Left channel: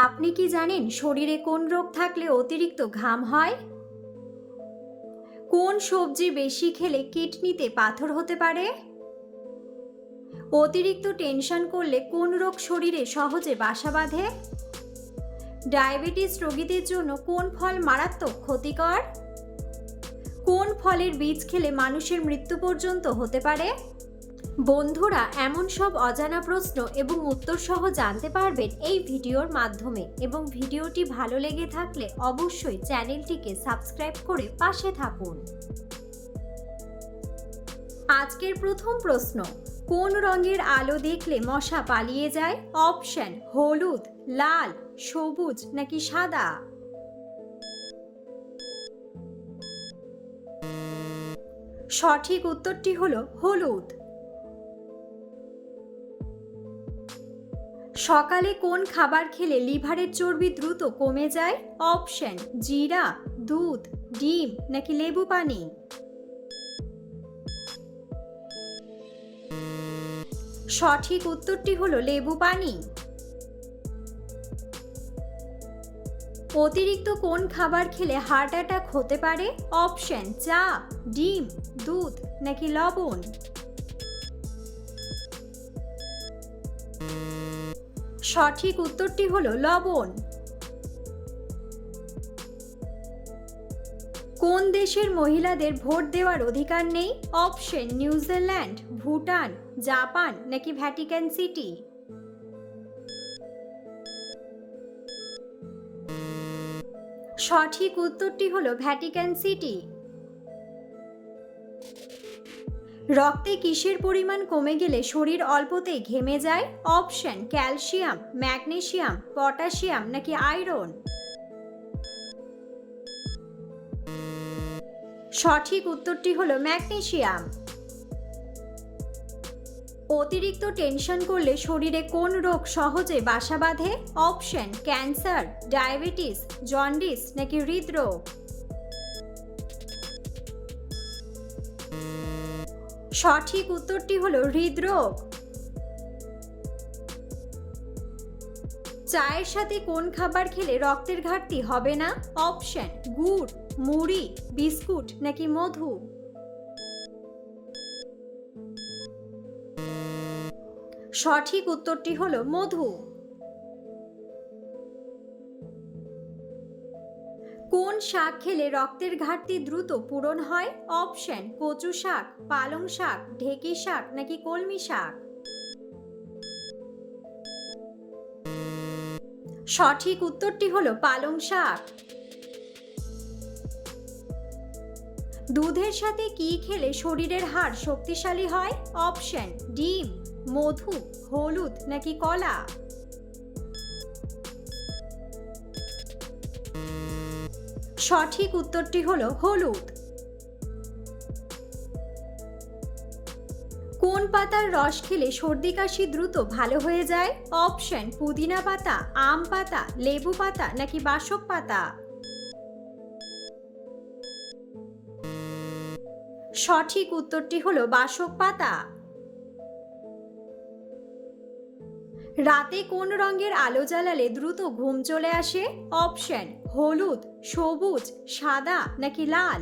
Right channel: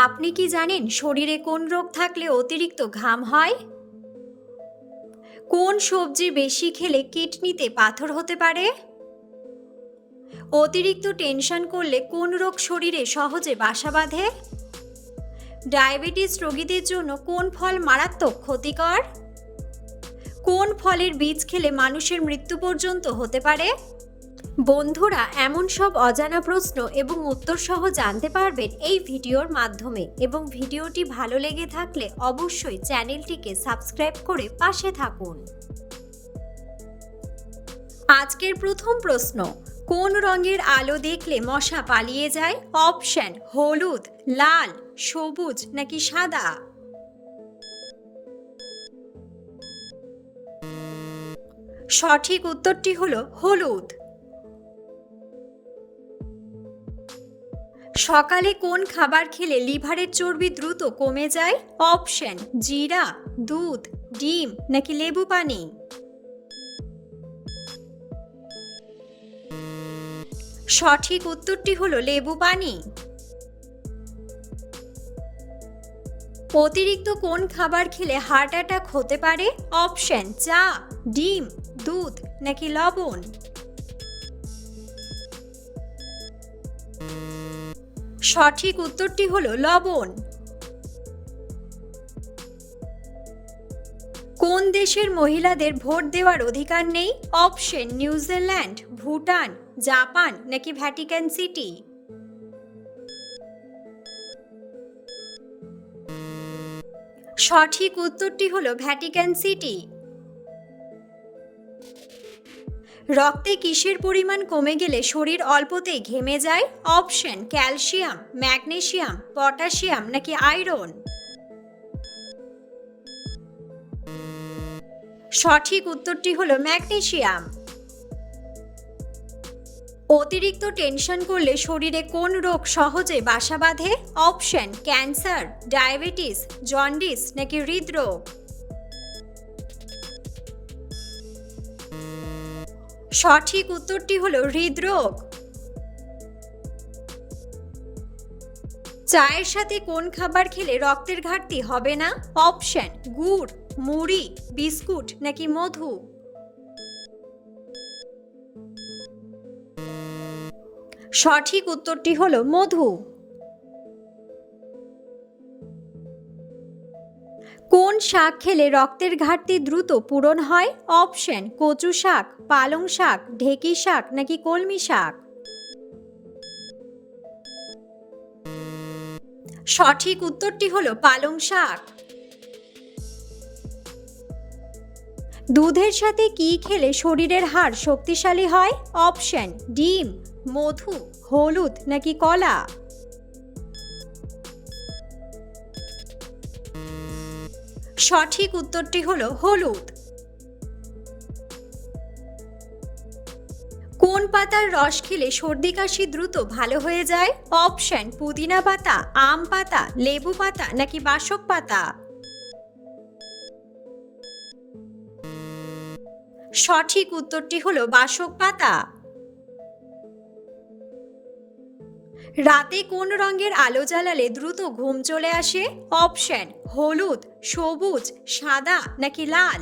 আপনি কি জানেন শরীরে কোন রোগ থাকলে অতিরিক্ত ঘাম হয়? কোন সবজি বেশি খেলে কিডনিতে পাথর হতে পারে? অতিরিক্ত টেনশন করলে কোন রোগ শরীরে সহজে বাসা বাঁধে? ডায়াবেটিস রোগীদের জন্য কোন ফল মারাত্মক ক্ষতিকর? কোন ফলের বীজ খেলে মানুষের মৃত্যু পর্যন্ত হতে পারে? বন্ধুরা, এমন সব অজানা প্রশ্ন এবং উত্তর সহ জানতে পারবেন এই ভিডিওর মাধ্যমে, এবং ভিডিওটি ভালো লেগে থাকলে অবশ্যই চ্যানেলটিকে সাবস্ক্রাইব করে পাশে থাকুন। আজকের প্রথম প্রশ্ন, কোন রঙের আলো দেখলে মশা পালিয়ে যায়? অপশন: হলুদ, লাল, সবুজ নাকি সাদা? সঠিক উত্তরটি হলো হলুদ। সকালে কোন খাবার খেলে লিভারের চর্বি দ্রুত কমে যায়? অপশন: জিরা, দুধ, ডিম নাকি লেবু পানি? সঠিক উত্তরটি হলো লেবু পানি। অতিরিক্ত কোন খাবার খেলে হার্ট অ্যাটাক হতে পারে? অপশন: চা, ডিম, দুধ নাকি লবণ? সঠিক উত্তরটি হলো লবণ। কোন দেশের মহিলাদের ভোট দেওয়ার অধিকার নেই? অপশন: নিউজিল্যান্ড, ভুটান, জাপান নাকি ভ্যাটিকান সিটি? সঠিক উত্তরটি হলো ভ্যাটিকান সিটি। রক্তে কিসের পরিমাণ কমে গেলে শরীর অল্পতেই ঘেমে যায়? অপশন: ক্যালসিয়াম, ম্যাগনেসিয়াম, পটাশিয়াম নাকি আয়রন? সঠিক উত্তরটি হলো ম্যাগনেসিয়াম। অতিরিক্ত টেনশন করলে শরীরে কোন রোগ সহজে বাসা বাঁধে? অপশন: ক্যান্সার, ডায়াবেটিস, জন্ডিস নাকি হৃদরোগ? সঠিক উত্তরটি হলো হৃদরোগ। চায়ের সাথে কোন খাবার খেলে রক্তের ঘাটতি হবে না? অপশন: গুড়, মুড়ি, বিস্কুট নাকি মধু? সঠিক উত্তরটি হলো মধু। কোন শাক খেলে রক্তের ঘাটতি দ্রুত পূরণ হয়? অপশন: কচু শাক, পালং শাক, ঢেঁকি শাক নাকি কলমি শাক? সঠিক উত্তরটি হলো পালং শাক। দুধের সাথে কি খেলে শরীরের হাড় শক্তিশালী হয়? অপশন: ডিম, মধু, হলুদ নাকি কলা? সঠিক উত্তরটি হলো হলুদ। কোন পাতার রস খেলে সর্দি কাশি দ্রুত ভালো হয়ে যায়? অপশন: পুদিনা পাতা, আম পাতা, লেবু পাতা নাকি বাসক পাতা? সঠিক উত্তরটি হলো বাসক পাতা। রাতে কোন রঙের আলো জ্বালালে দ্রুত ঘুম চলে আসে? অপশন: হলুদ, সবুজ, সাদা নাকি লাল?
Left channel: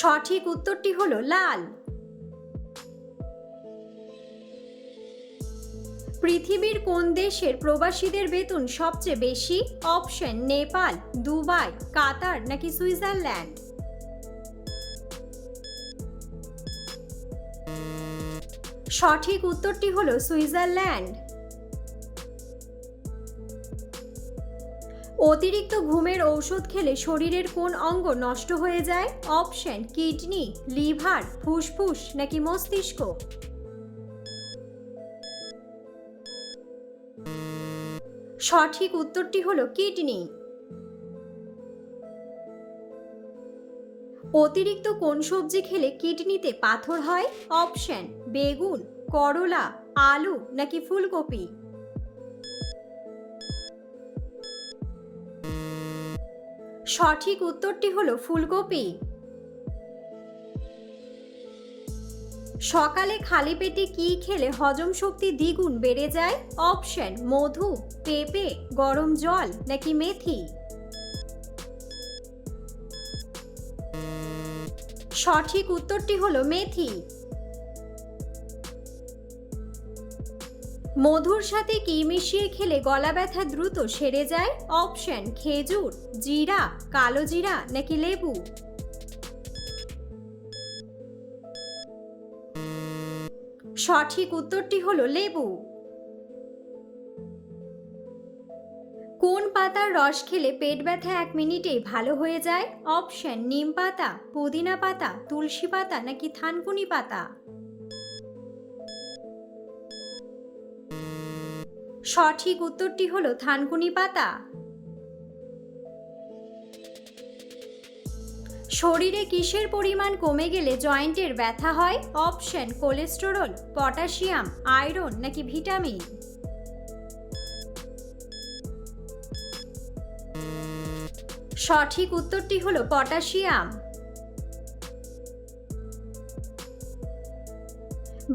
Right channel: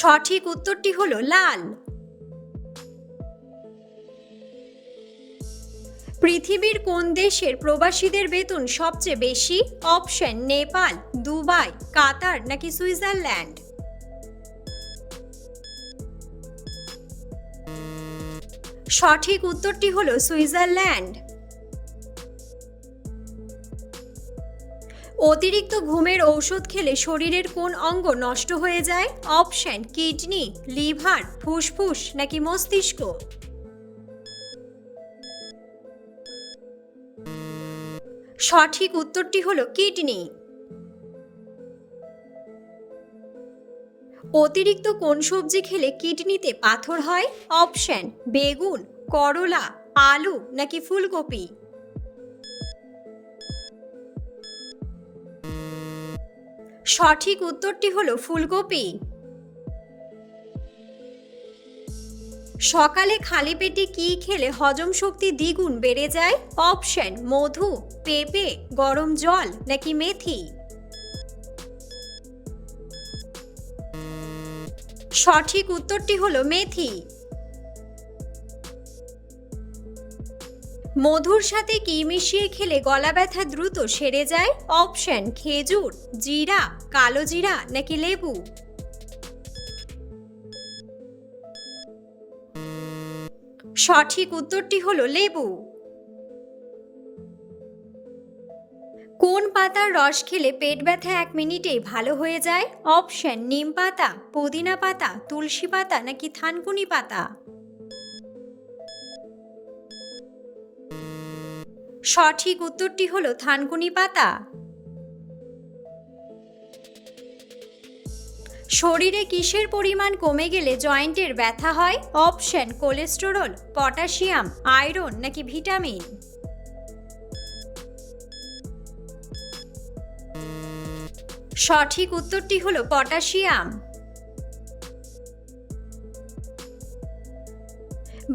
সঠিক উত্তরটি হলো লাল। পৃথিবীর কোন দেশের প্রবাসীদের বেতন সবচেয়ে বেশি? অপশন: নেপাল, দুবাই, কাতার নাকি সুইজারল্যান্ড? সঠিক উত্তরটি হলো সুইজারল্যান্ড। অতিরিক্ত ঘুমের ঔষধ খেলে শরীরের কোন অঙ্গ নষ্ট হয়ে যায়? অপশন: কিডনি, লিভার, ফুসফুস নাকি মস্তিষ্ক? সঠিক উত্তরটি হলো কিডনি। অতিরিক্ত কোন সবজি খেলে কিডনিতে পাথর হয়? অপশন: বেগুন, করলা, আলু নাকি ফুলকপি? সঠিক উত্তরটি হলো ফুলকপি। সকালে খালি পেটে কি খেলে হজম শক্তি দ্বিগুণ বেড়ে যায়? অপশন মধু, পেঁপে, গরম জল নাকি মেথি। সঠিক উত্তরটি হলো মেথি। মধুর সাথে কি মিশিয়ে খেলে গলা ব্যথা দ্রুত সেরে যায়? অপশন খেজুর, জিরা, কালো জিরা নাকি লেবু। সঠিক উত্তরটি হলো লেবু। কোন পাতার রস খেলে পেট ব্যথা 1 মিনিটেই ভালো হয়ে যায়? অপশন নিম পাতা, পুদিনা পাতা, তুলসী পাতা নাকি থানকুনি পাতা। সঠিক উত্তরটি হলো থানকুনি পাতা। শরীরে কিসের পরিমাণ কমে গেলে জয়েন্টের ব্যথা হয়? অপশন কোলেস্টেরল, পটাশিয়াম, আয়রন নাকি ভিটামিন। সঠিক উত্তরটি হলো পটাশিয়াম।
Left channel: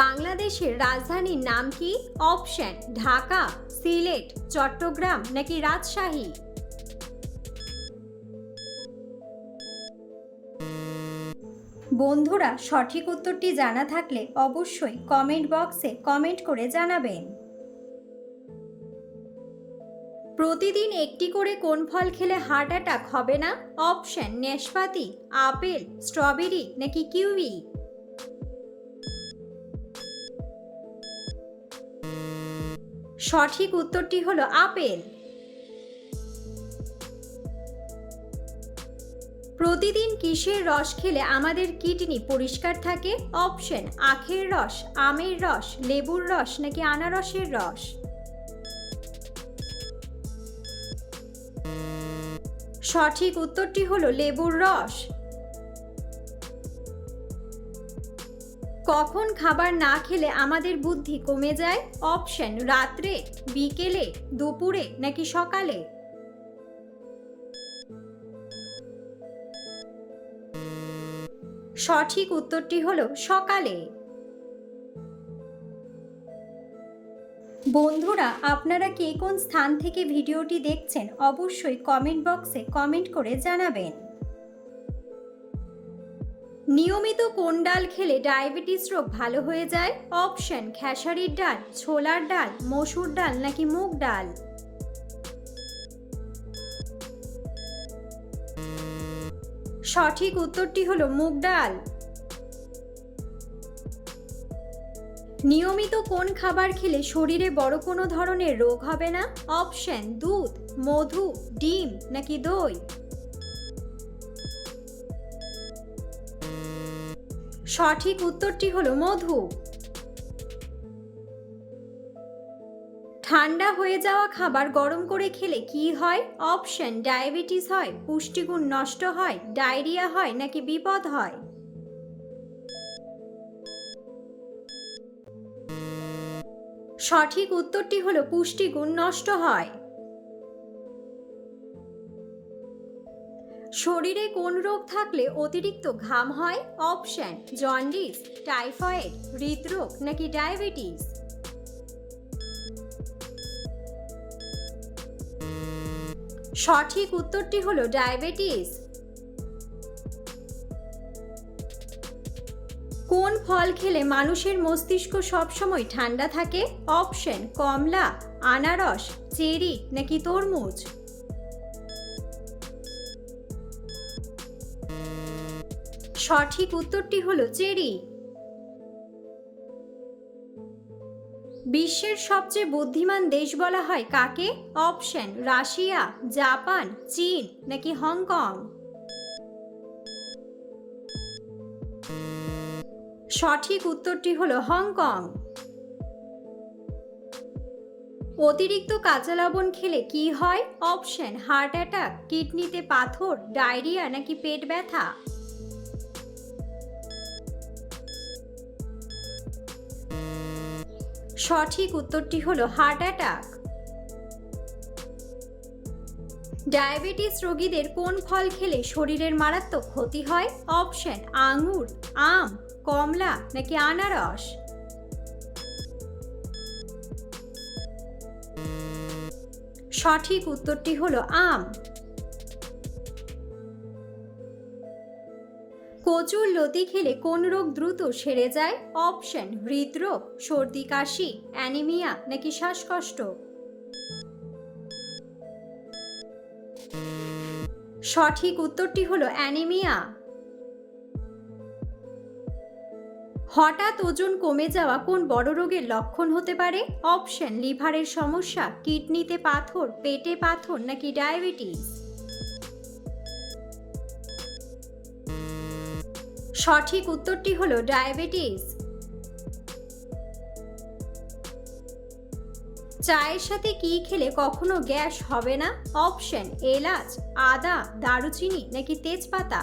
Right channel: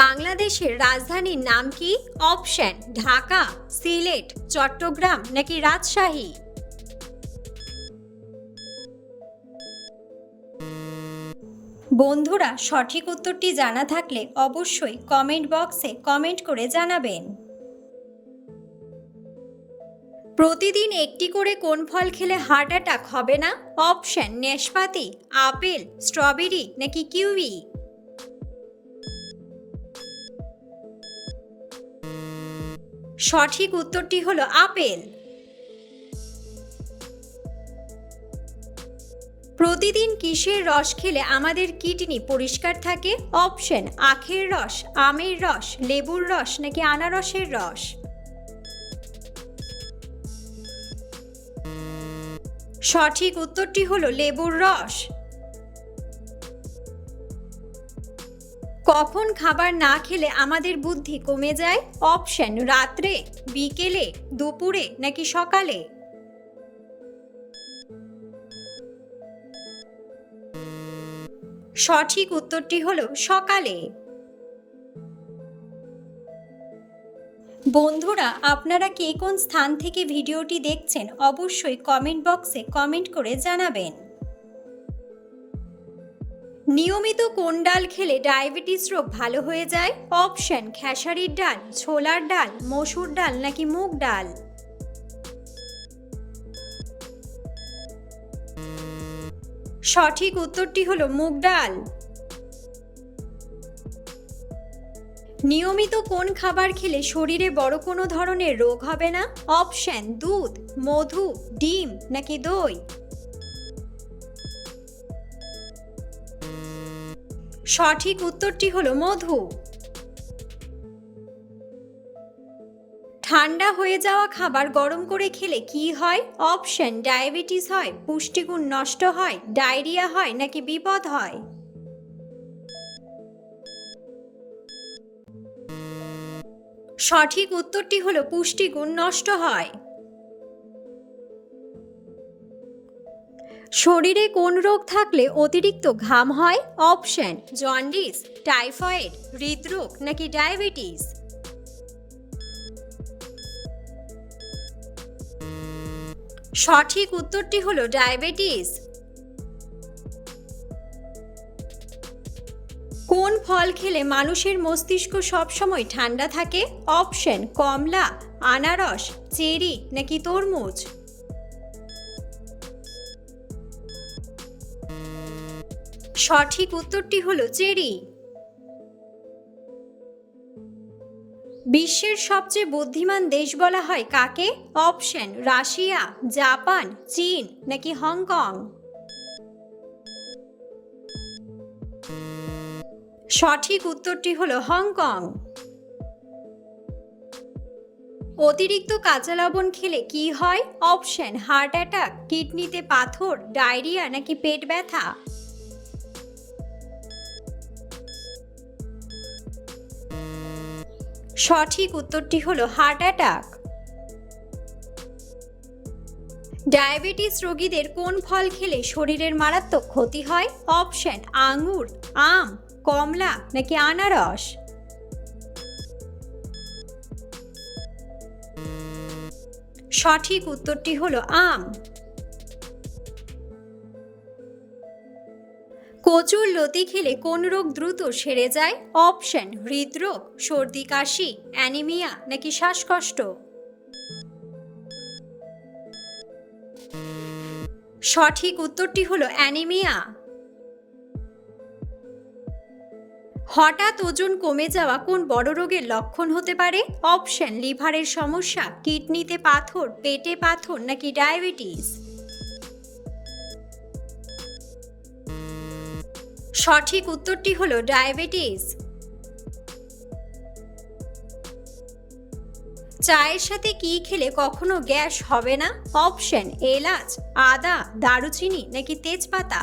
বাংলাদেশের রাজধানীর নাম কি? অপশন ঢাকা, সিলেট, চট্টগ্রাম নাকি রাজশাহী। বন্ধুরা, সঠিক উত্তরটি জানা থাকলে অবশ্যই কমেন্ট বক্সে কমেন্ট করে জানাবেন। প্রতিদিন একটি করে কোন ফল খেলে হার্ট অ্যাটাক হবে না? অপশন নাশপাতি, আপেল, স্ট্রবেরি নাকি কিউই। সঠিক উত্তরটি হলো আপেল। প্রতিদিন কিসের রস খেলে আমাদের কিডনি পরিষ্কার থাকে? অপশন আখের রস, আমের রস, লেবুর রস নাকি আনারসের রস। সঠিক উত্তরটি হলো লেবুর রস। কখন খাবার না খেলে আমাদের বুদ্ধি কমে যায়? অপশন রাত্রে, বিকেলে, দুপুরে নাকি সকালে। সঠিক উত্তরটি হলো সকালে। বন্ধুরা, আপনারা কে কোন স্থান থেকে ভিডিওটি দেখছেন অবশ্যই কমেন্ট বক্সে কমেন্ট করে জানাবেন। নিয়মিত কোন ডাল খেলে ডায়াবেটিস রোগ ভালো হয়ে যায়? অপশন খেসারির ডাল, ছোলার ডাল, মসুর ডাল নাকি মুগ ডাল। সঠিক উত্তরটি হলো মুগ ডাল। নিয়মিত কোন খাবার খেলে শরীরে বড় কোনো ধরনের রোগ হবে না? অপশন দুধ, মধু, ডিম নাকি দই। সঠিক উত্তরটি হলো মধু। ঠান্ডা হয়ে যাওয়া খাবার গরম করে খেলে কি হয়? অপশন ডায়াবেটিস হয়, পুষ্টিগুণ নষ্ট হয়, ডায়রিয়া হয় নাকি বিপদ হয়। সঠিক উত্তরটি হলো পুষ্টিগুণ নষ্ট হয়। শরীরে কোন রোগ থাকলে অতিরিক্ত ঘাম হয়? অপশন জন্ডিস, টাইফয়েড, হৃদরোগ নাকি ডায়াবেটিস। সঠিক উত্তরটি হলো ডায়াবেটিস। কোন ফল খেলে মানুষের মস্তিষ্ক সবসময় ঠান্ডা থাকে? অপশন কমলা, আনারস, চেরি নাকি তরমুজ। সঠিক উত্তরটি হলো চেরি। বিশ্বের সবচেয়ে বুদ্ধিমান দেশ বলা হয় কাকে? অপশন রাশিয়া, জাপান, চীন নাকি হংকং। সঠিক উত্তরটি হলো হংকং। অতিরিক্ত কাঁচা লবণ খেলে কি হয়? অপশন হার্ট অ্যাটাক, কিডনিতে পাথর, ডায়রিয়া নাকি পেট ব্যথা। সঠিক উত্তরটি হলো হার্ট অ্যাটাক। ডায়াবেটিস রোগীদের কোন ফল খেলে শরীরের মারাত্মক ক্ষতি হয়? অপশন আঙ্গুর, আম, কমলা নাকি আনারস? সঠিক উত্তরটি হলো আম। কচুর লতি খেলে কোন রোগ দ্রুত সেরে যায়? অপশন: হৃদরোগ, সর্দি কাশি, অ্যানিমিয়া নাকি শ্বাসকষ্ট? সঠিক উত্তরটি হলো অ্যানিমিয়া। হঠাৎ ওজন কমে যাওয়া কোন বড় রোগের লক্ষণ হতে পারে? অপশন: লিভারের সমস্যা, কিডনিতে পাথর, পেটে পাথর নাকি ডায়াবেটিস? সঠিক উত্তরটি হলো ডায়াবেটিস। চায়ের সাথে কি খেলে কখনো গ্যাস হবে না? অপশন: এলাচ, আদা, দারুচিনি নাকি তেজপাতা?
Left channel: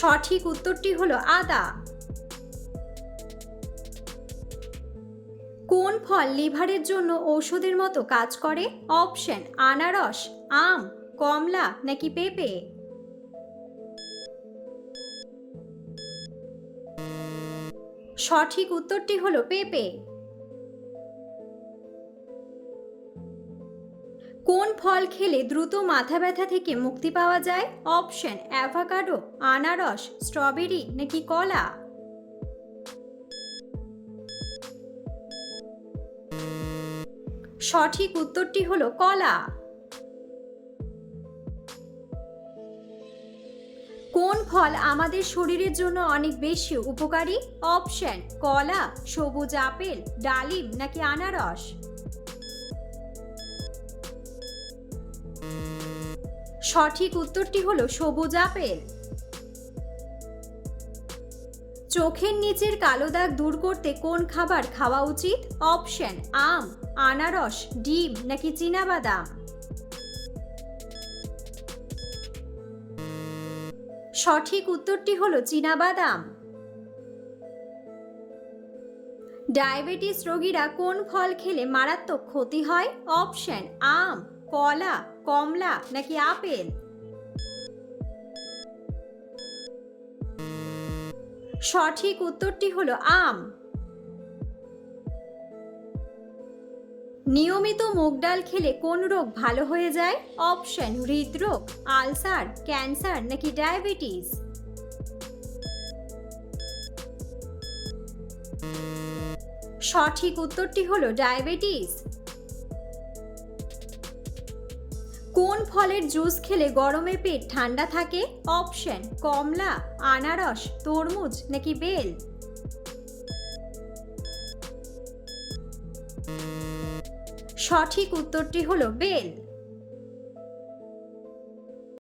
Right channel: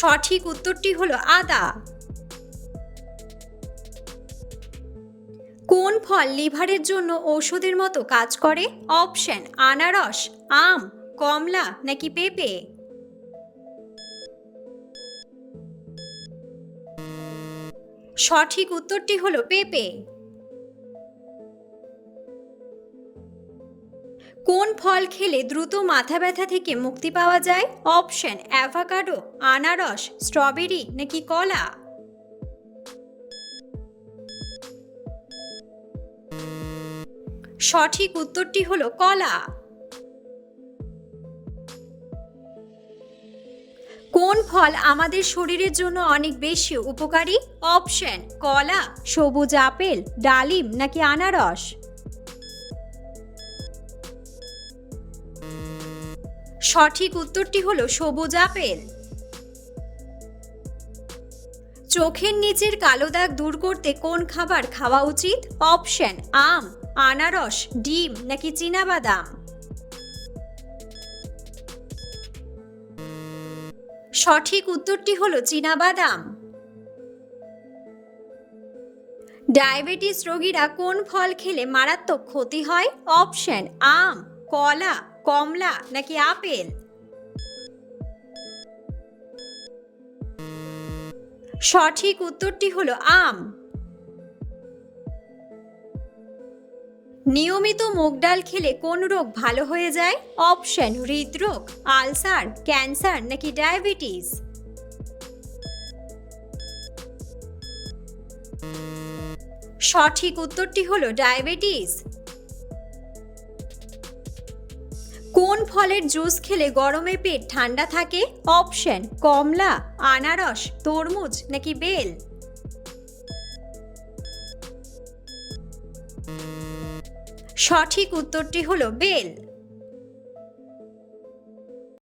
সঠিক উত্তরটি হলো আদা। কোন ফল লিভারের জন্য ঔষধের মতো কাজ করে? অপশন: আনারস, আম, কমলা নাকি পেঁপে? সঠিক উত্তরটি হলো পেঁপে। কোন ফল খেলে দ্রুত মাথা ব্যথা থেকে মুক্তি পাওয়া যায়? অপশন: অ্যাভোকাডো, আনারস, স্ট্রবেরি নাকি কলা? সঠিক উত্তরটি হলো কলা। কোন ফল আমাদের শরীরের জন্য অনেক বেশি উপকারী? অপশন: কলা, সবুজ আপেল, ডালিম নাকি আনারস? সঠিক উত্তরটি হলো সবুজ আপেল। চোখের নিচের কালো দাগ দূর করতে কোন খাবার খাওয়া উচিত? অপশন: আম, আনারস, ডিম নাকি চীনাবাদাম? সঠিক উত্তরটি হলো চীনাবাদাম। ডায়াবেটিস রোগীরা কোন ফল খেলে মারাত্মক ক্ষতি হয়? অপশন: আম, কলা, কমলা নাকি আপেল? সঠিক উত্তরটি হলো আম। নিয়মিত মুগ ডাল খেলে কোন রোগ ভালো হয়ে যায়? অপশন: হৃদরোগ, আলসার, ক্যান্সার নাকি ডায়াবেটিস? সঠিক উত্তরটি হলো ডায়াবেটিস। কোন ফলের জুস খেলে গরমে পেট ঠান্ডা থাকে? অপশন: কমলা, আনারস, তরমুজ নাকি বেল? সঠিক উত্তরটি হলো বেল।